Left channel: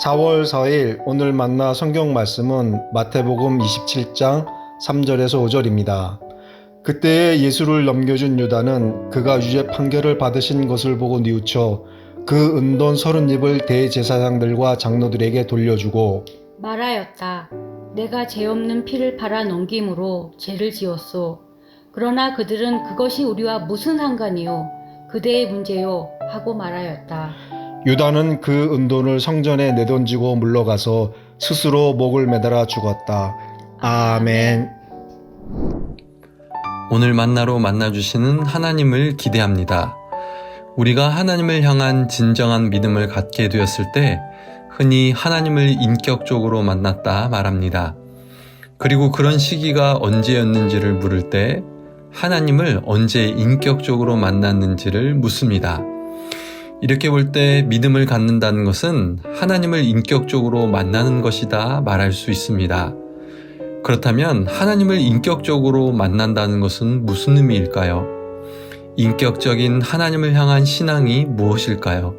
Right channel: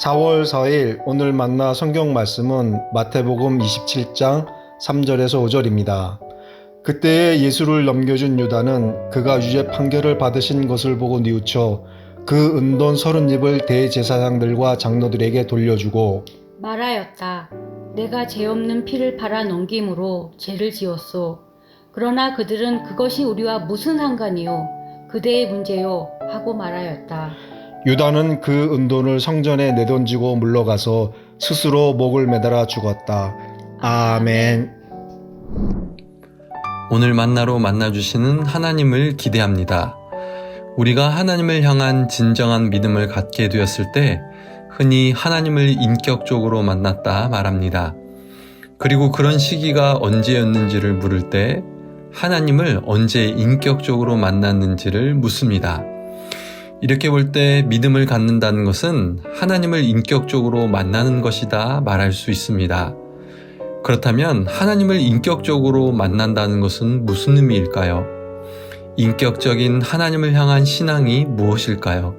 4월 4일 오늘 만나 성경 말씀은 마태복음 27장 3절에서 5절입니다. 그때에 예수를 넘겨준 유다는 그가 유죄 판결을 받으신 것을 보고 뉘우쳐 그 은돈 30입을 대제사장들과 장로들에게 돌려주고 말하였다. 내가 죄 없는 피를 팔아 넘김으로 죄를 지었소. 그러나 그들은 그것이 우리와 무슨 상관이요? 그대의 문제요? 하고 말하였다. 유다는 그 은돈을 성전에 내던지고 물러가서 스스로 목을 매달아 죽었다. 아멘. 오늘 만나로 만나주시는 하나님을 기대합니다. 우리가 하나님을 향한 진정한 믿음을 갖게 되었을 때 흔히 하나님을 인격적으로 만났다 말합니다. 그리고 그런 시기가 언제였는지를 물을 때 하나님을 언제 인격적으로 만났는지를 묻습니다. 이렇게 볼 때 믿음을 갖는다는 것은 하나님을 인격적으로 만나는 것이다 말할 수 있습니다. 그렇다면 하나님을 인격적으로 만난다는 것은 무슨 의미일까요? 인격적인 하나님을 향한 신앙이 무엇일까요?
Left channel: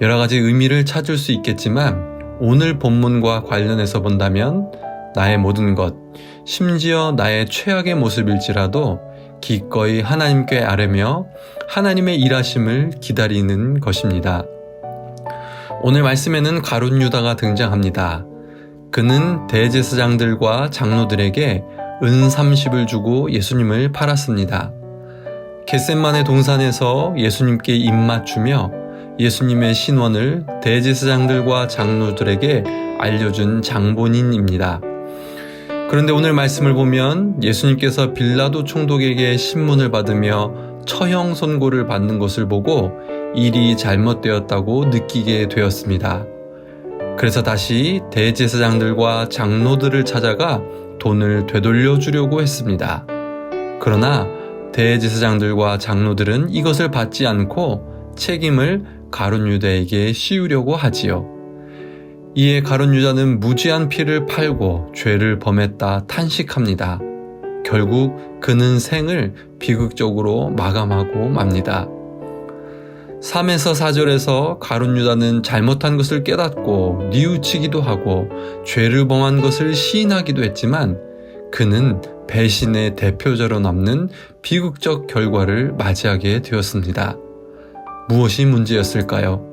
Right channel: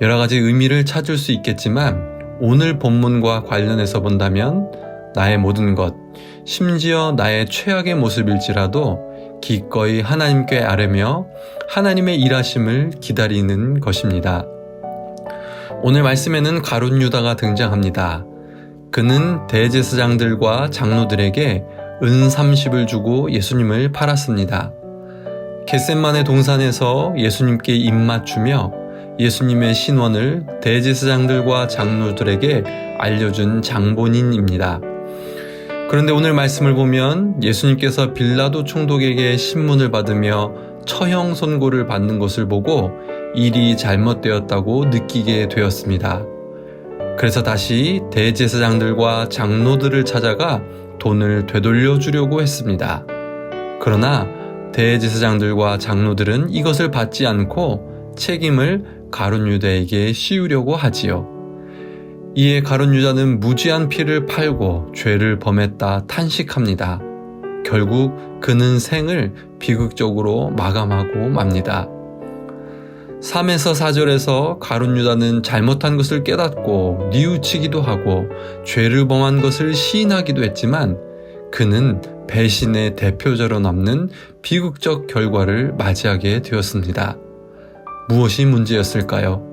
여러 가지 의미를 찾을 수 있겠지만 오늘 본문과 관련해서 본다면 나의 모든 것, 심지어 나의 최악의 모습일지라도 기꺼이 하나님께 아뢰며 하나님의 일하심을 기다리는 것입니다. 오늘 말씀에는 가룟 유다가 등장합니다. 그는 대제사장들과 장로들에게 은 30을 주고 예수님을 팔았습니다. 겟셋마네 동산에서 예수님께 입맞추며 예수님의 신원을 대제사장들과 장로들에게 알려준 장본인입니다. 그런데 오늘 말씀을 보면 예수님께서 빌라도 총독에게 신문을 받으며 처형 선고를 받는 것을 보고 일이 잘못되었다고 느끼게 되었습니다. 그래서 다시 대제사장들과 장로들을 찾아가 돈을 되돌려 주려고 했습니다. 그러나 대제사장들과 장로들은 이것을 받지 않고 책임을 가룟 유다에게 씌우려고 하지요. 이에 가룟 유다는 무지한 피를 팔고 죄를 범했다 탄식합니다. 결국 그는 생을 비극적으로 마감하고 맙니다. 3에서 4절에서 가룟 유다는 잘못한 것을 깨닫고 뉘우치기도 하고 죄를 범한 것을 시인하기도 했지만 그는 배신의 대표자로 남는 비극적 결과를 맞이하게 되었습니다. 무엇이 문제였을까요?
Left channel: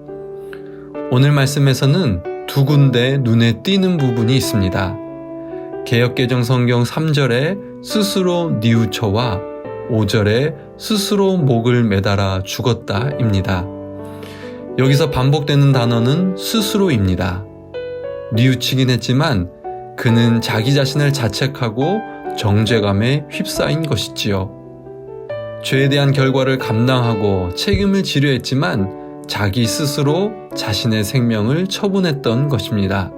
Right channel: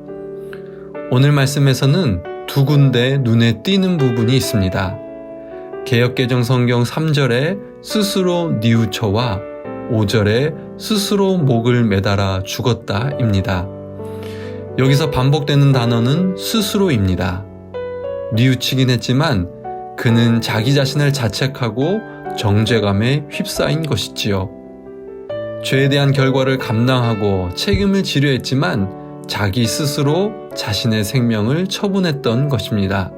오늘 말씀에서는 두 군데 눈에 띄는 부분이 있습니다. 개역개정 성경 3절에 스스로 뉘우쳐와 5절에 스스로 목을 매달아 죽었다입니다. 여기서 반복되는 단어는 스스로입니다. 뉘우치긴 했지만 그는 자기 자신을 자책하고 정죄감에 휩싸인 것이지요. 죄에 대한 결과를 감당하고 책임을 지려 했지만 자기 스스로 자신의 생명을 처분했던 것입니다.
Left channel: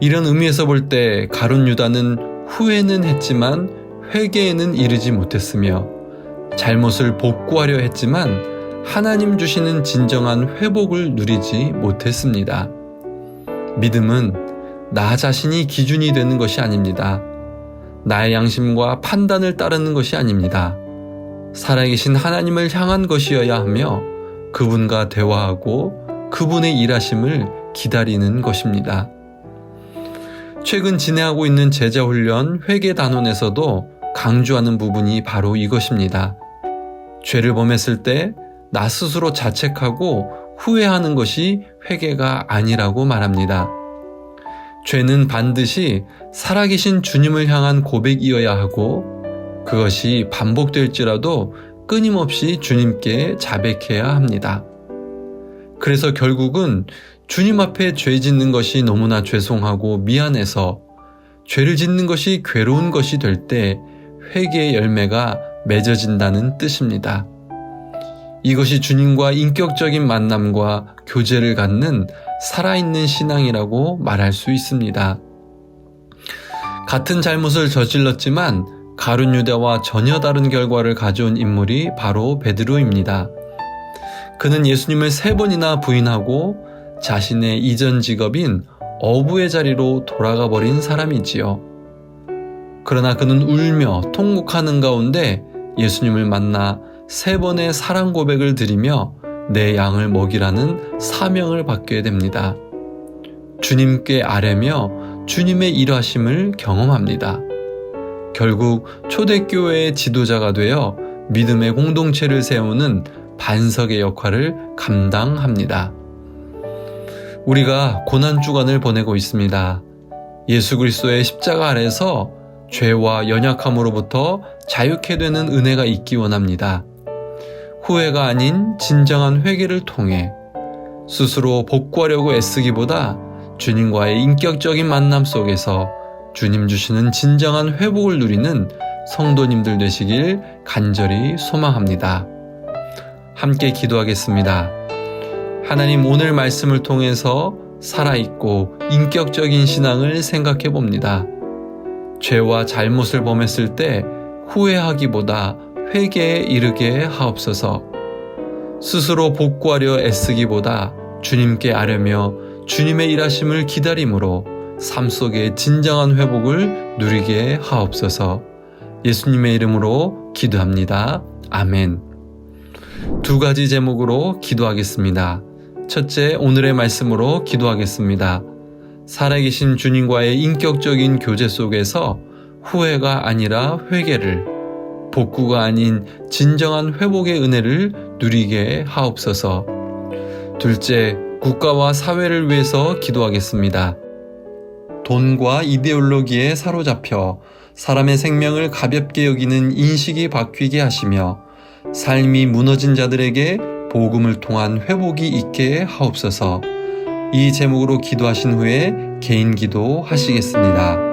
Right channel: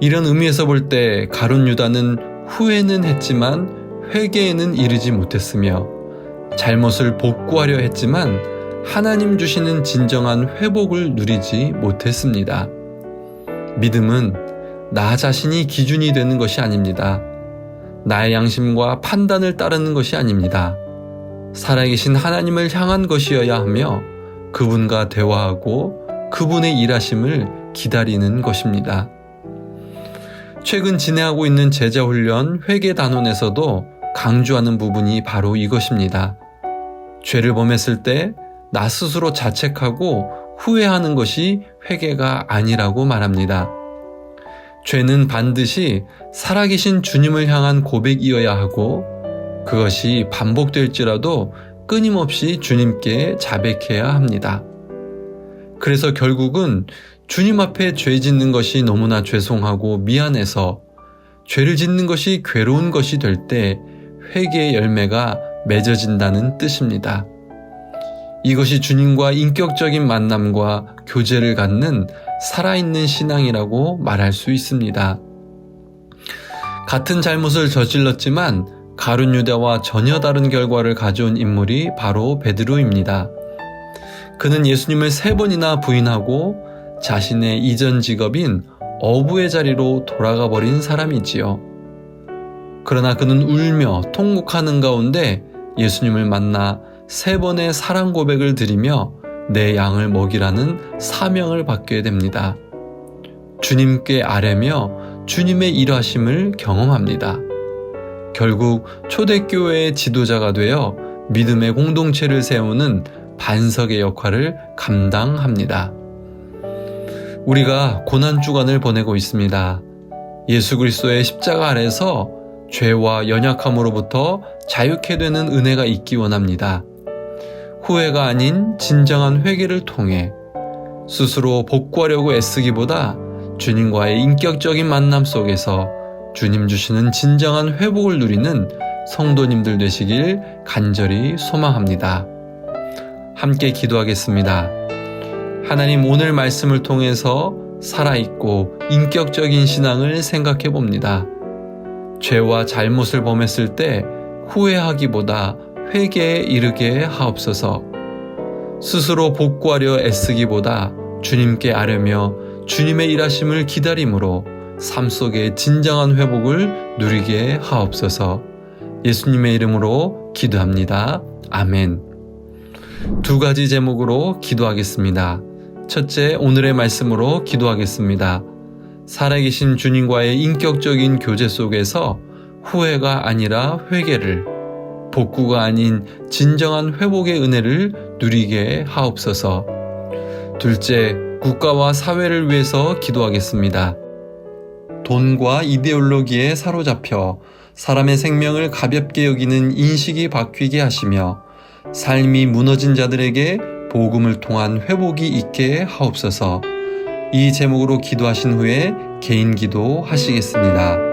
이런 의미에서 볼 때 가룟 유다는 후회는 했지만 회개에는 이르지 못했으며 잘못을 복구하려 했지만 하나님 주시는 진정한 회복을 누리지 못했습니다. 믿음은 나 자신이 기준이 되는 것이 아닙니다. 나의 양심과 판단을 따르는 것이 아닙니다. 살아계신 하나님을 향한 것이어야 하며 그분과 대화하고 그분의 일하심을 기다리는 것입니다. 최근 진행하고 있는 제자훈련 회계단원에서도 강조하는 부분이 바로 이것입니다. 죄를 범했을 때 나 스스로 자책하고 후회하는 것이 회개가 아니라고 말합니다. 죄는 반드시 살아계신 주님을 향한 고백이어야 하고 그것이 반복될지라도 끊임없이 주님께 자백해야 합니다. 그래서 결국은 주님 앞에 죄 짓는 것이 너무나 죄송하고 미안해서 죄를 짓는 것이 괴로운 것이 될 때 회개의 열매가 맺어진다는 뜻입니다. 이것이 주님과 인격적인 만남과 교제를 갖는 살아있는 신앙이라고 말할 수 있습니다. 같은 잘못을 저질렀지만 가룟 유다와 전혀 다른 결과를 가져온 인물이 바로 베드로입니다. 그는 예수님을 3번이나 부인하고 자신의 이전 직업인 어부의 자리로 돌아가 버린 사람이지요. 그러나 그는 울며 통곡하는 가운데 예수님을 만나 3번의 사랑 고백을 드리며 내 양을 먹이라는 사명을 받게 됩니다. 주님께 아뢰며 주님의 일하심을 경험합니다. 결국 초대교회의 지도자가 되어 믿음의 공동체를 세우는 반석의 역할을 감당합니다. 우리가 고난주간을 보내고 있습니다. 예수 그리스도의 십자가 아래서 죄와 연약함으로부터 자유케 되는 은혜가 있기 원합니다. 후회가 아닌 진정한 회개를 통해 스스로 복구하려고 애쓰기보다 주님과의 인격적인 만남 속에서 주님 주시는 진정한 회복을 누리는 성도님들 되시길 간절히 소망합니다. 함께 기도하겠습니다. 하나님, 오늘 말씀을 통해서 살아있고 인격적인 신앙을 생각해 봅니다. 죄와 잘못을 범했을 때 후회하기보다 회개에 이르게 하옵소서. 스스로 복구하려 애쓰기보다 주님께 아뢰며 주님의 일하심을 기다림으로 삶 속에 진정한 회복을 누리게 하옵소서. 예수님의 이름으로 기도합니다. 아멘. 두 가지 제목으로 기도하겠습니다. 첫째, 오늘의 말씀으로 기도하겠습니다. 살아계신 주님과의 인격적인 교제 속에서 후회가 아니라 회개를, 복구가 아닌 진정한 회복의 은혜를 누리게 하옵소서. 둘째, 국가와 사회를 위해서 기도하겠습니다. 돈과 이데올로기에 사로잡혀 사람의 생명을 가볍게 여기는 인식이 바뀌게 하시며 삶이 무너진 자들에게 복음을 통한 회복이 있게 하옵소서. 이 제목으로 기도하신 후에 개인 기도 하시겠습니다.